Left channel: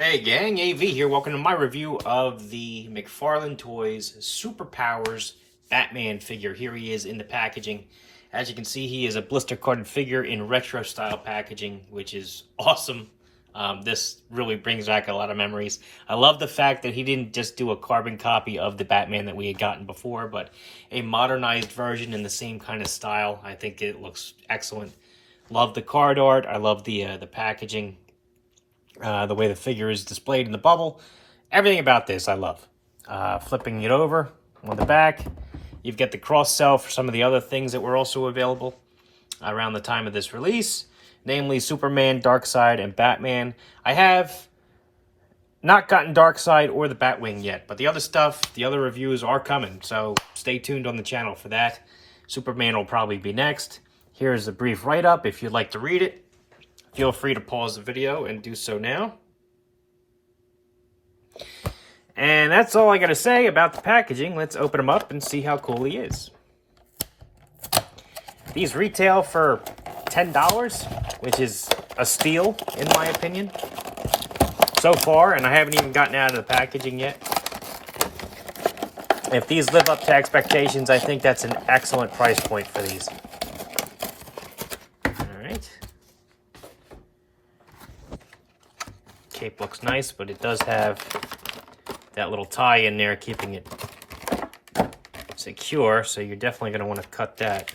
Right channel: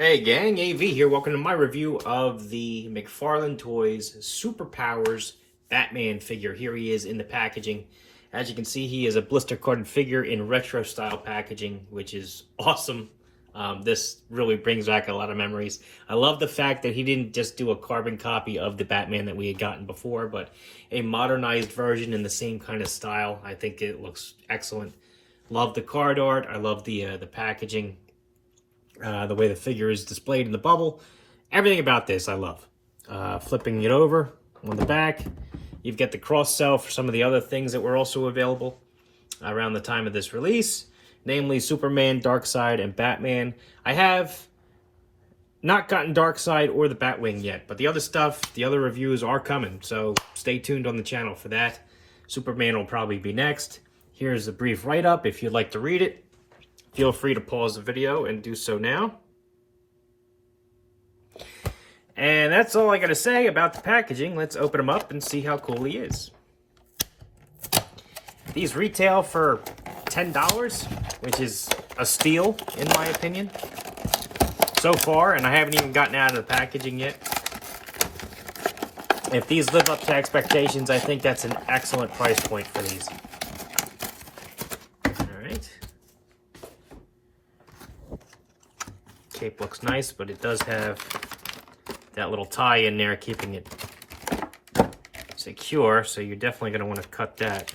Hey gang, AV here. Welcome to my review of the McFarlane Toys Superpowers Batman figure. Here he is in the packaging. As you can see, he is a blister coated figure in retro style packaging, which is awesome. This really brings back a lot of memories. I love the fact that he didn't just do a carbon copy of the Batman that we had gotten before, but a modernized version in the same kind of style. I think it looks excellent. Love the card art. I love the packaging. The way the figure is displayed in the bubble. Everything about this I love. Flipping it over on the back, you've got the cross-sell for some of the other things that were also available around the time of this release, namely Superman, Darkseid, and Batman. I have not gotten Darkseid or the Batwing yet, but the other stuff, the other reviews are coming, so stay tuned on the channel for that. Superman will probably be next. Here's a brief write-up if you'd like to read it. Feel free to pause the video and do so now. And that's all I got to say about the packaging. Let's open him up and see how cool he is. These retail for $10, which is a steal in my opinion so far, and I haven't even gotten out of the packaging yet. If these live up to expectations, I think that's an excellent price point for these. Cape looks nice, but it does have that little tie in there keeping it secure, so you're definitely going to want to cut that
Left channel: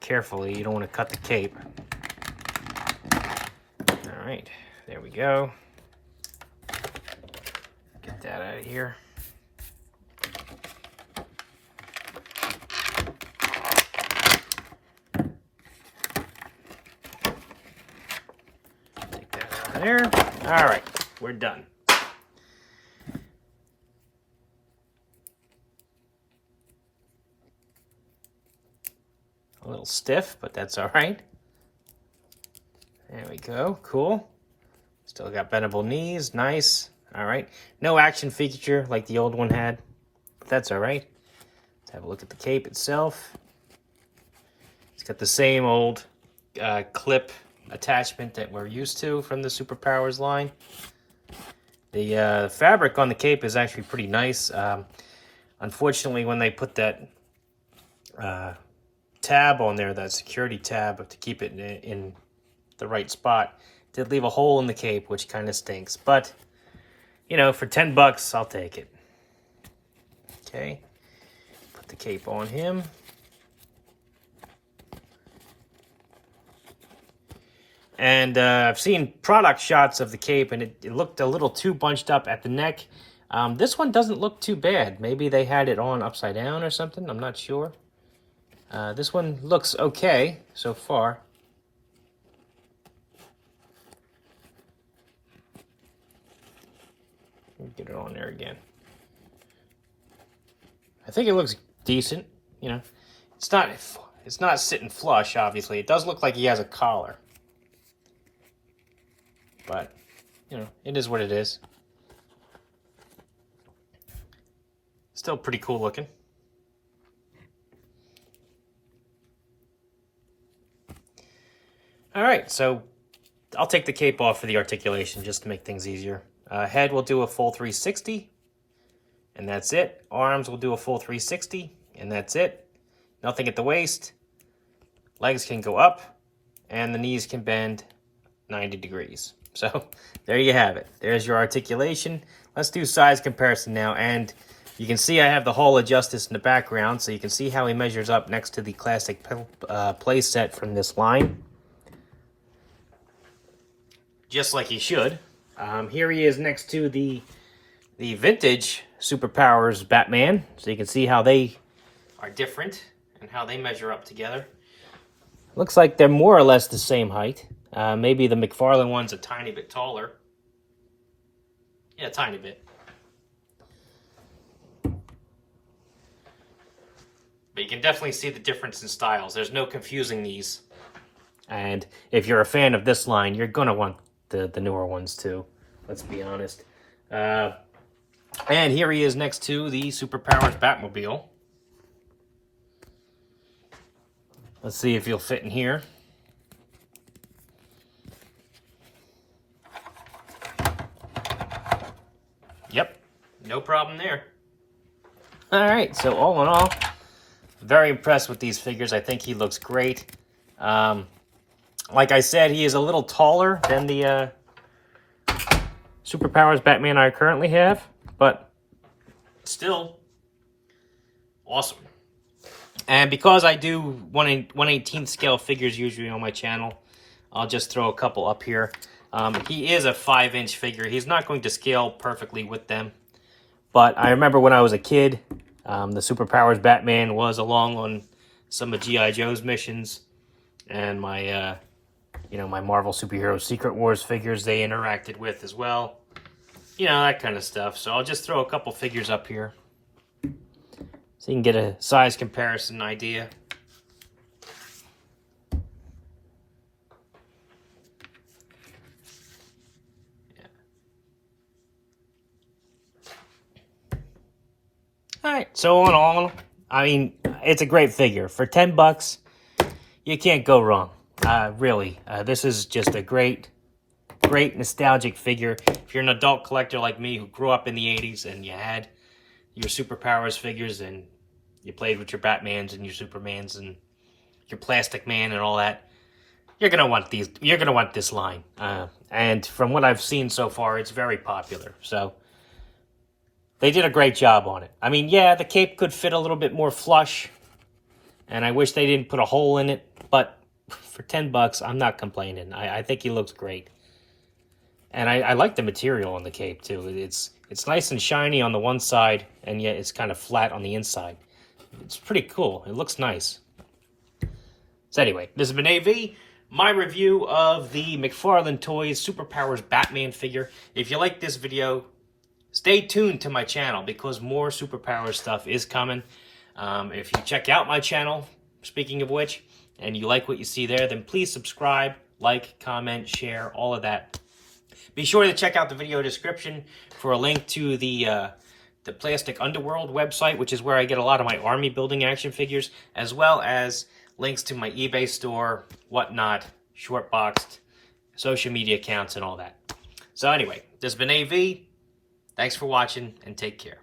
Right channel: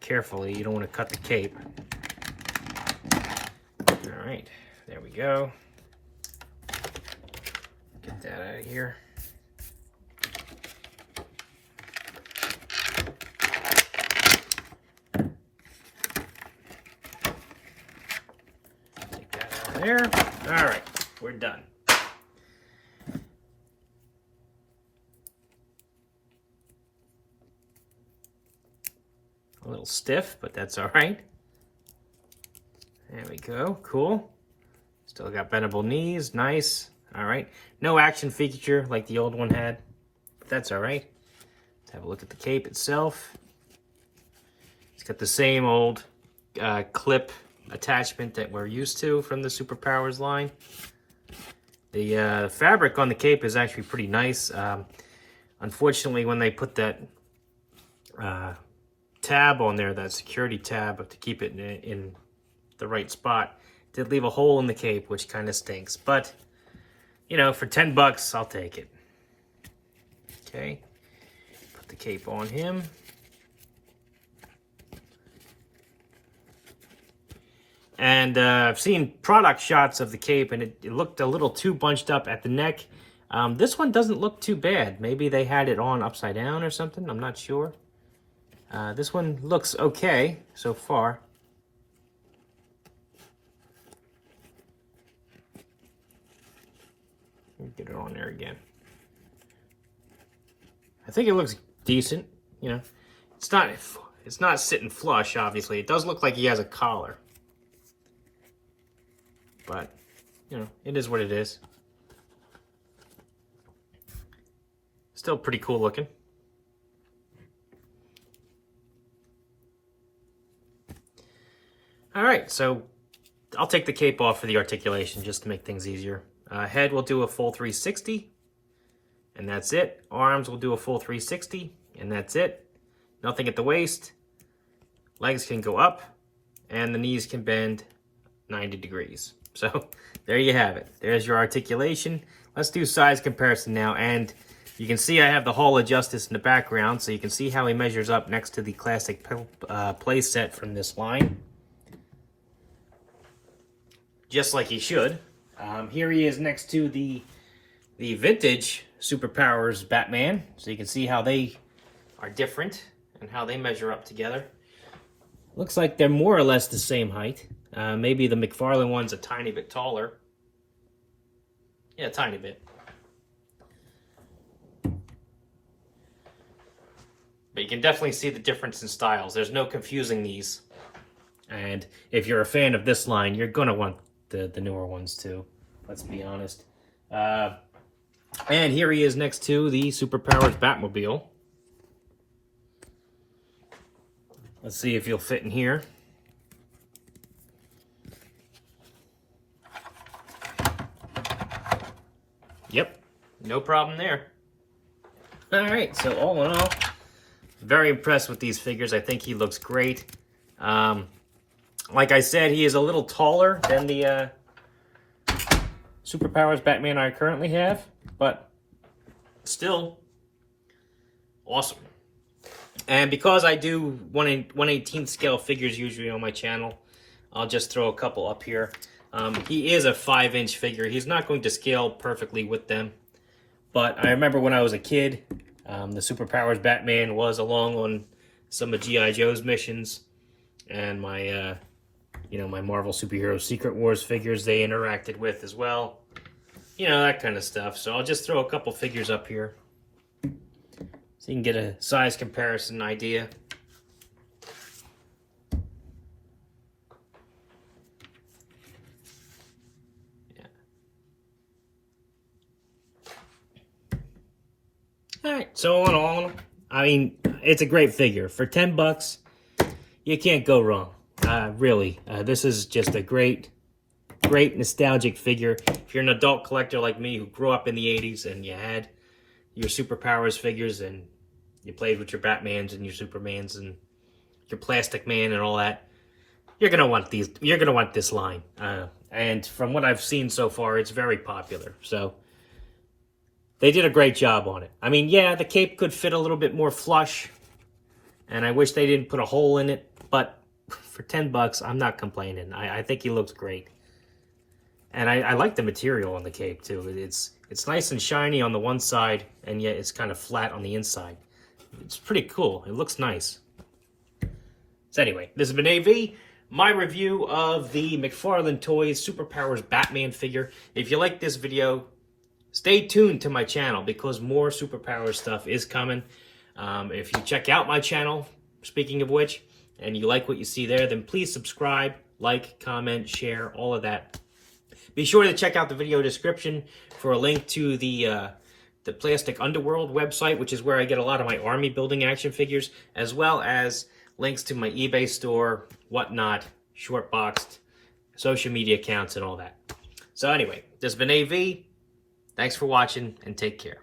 carefully. You don't want to cut the cape. All right, there we go. Get that out of here. There. All right, we're done. A little stiff, but that's all right. There we go. Cool. Still got bendable knees. Nice. All right. No action feature like the old one had, but that's all right. Let's have a look at the cape itself. It's got the same old clip attachment that we're used to from the Superpowers line. The fabric on the cape is actually pretty nice. Unfortunately, when they put that tab on there, that security tab to keep it in the right spot, it did leave a hole in the cape, which kind of stinks. But, you know, for $10, I'll take it. Okay, put the cape on him. And I've seen product shots of the cape, and it looked a little too bunched up at the neck. This one doesn't look too bad. Maybe they had it on upside down or something. I'm not sure. This one looks okay so far. Let me get it on there again. I think it looks decent. You know, it's not sitting flush. Obviously, it does look like he has a collar. But, you know, it is what it is. Still pretty cool looking. All right, so I'll take the cape off for the articulation just to make things easier. Head will do a full 360, and that's it. Arms will do a full 360, and that's it. Nothing at the waist. Legs can go up, and the knees can bend 90 degrees. So there you have it. There's your articulation. Let's do size comparison now. And you can see I have the Hall of Justice in the background, so you can see how he measures up next to the classic play set from this line. Just like he should. Here he is next to the vintage Superpowers Batman. So you can see how they are different and how they measure up together. Looks like they're more or less the same height. Maybe the McFarlane one's a tiny bit taller. Yeah, a tiny bit. But you can definitely see the difference in styles. There's no confusing these. And if you're a fan of this line, you're going to want the newer ones too. Let's be honest. And here he is next to the Superpowers Batmobile. Let's see if he'll fit in here. Yep, no problem there. All right, so all in all, very impressed with these figures. I think he looks great. Like I said, he is a little taller than the Superpowers Batman I currently have, but still awesome. And because I do 1/18 scale figures usually on my channel, I'll just throw a couple up here. He is a 5-inch figure. He's not going to scale perfectly with them. But I remember when I was a kid, the Superpowers Batman was along on some of G.I. Joe's missions. And my, my Marvel Superhero Secret Wars figures they interacted with as well. You know, that kind of stuff. So I'll just throw a couple figures up here, so you can get a size comparison idea. Yeah. Alright, so all in all, I mean, it's a great figure. For $10, you can't go wrong. Really. This is just a great nostalgic figure. If you're an adult collector like me who grew up in the 80s and you had your Superpowers figures and you played with your Batmans and your Supermans and your Plastic Man and all that, you're gonna want these. You're gonna want this line. And from what I've seen so far, it's very popular. So they did a great job on it. I mean, yeah, the cape could fit a little bit more flush, and I wish they didn't put a hole in it. But for $10, I'm not complaining. I think he looks great, and I like the material on the cape too. It's nice and shiny on the one side, and yet it's kind of flat on the inside. It's pretty cool. It looks nice. So anyway, this has been AV, my review of the McFarlane Toys Superpowers Batman figure. If you like this video, stay tuned to my channel because more Superpowers stuff is coming. If you check out my channel, speaking of which, and you like what you see there, then please subscribe, like, comment, share, all of that. Be sure to check out the video description for a link to the Plastic Underworld website, which is where I get a lot of my army building action figures, as well as links to my eBay store, whatnot, Shortboxed, social media accounts, and all that. So anyway, this has been AV. Thanks for watching, and take care.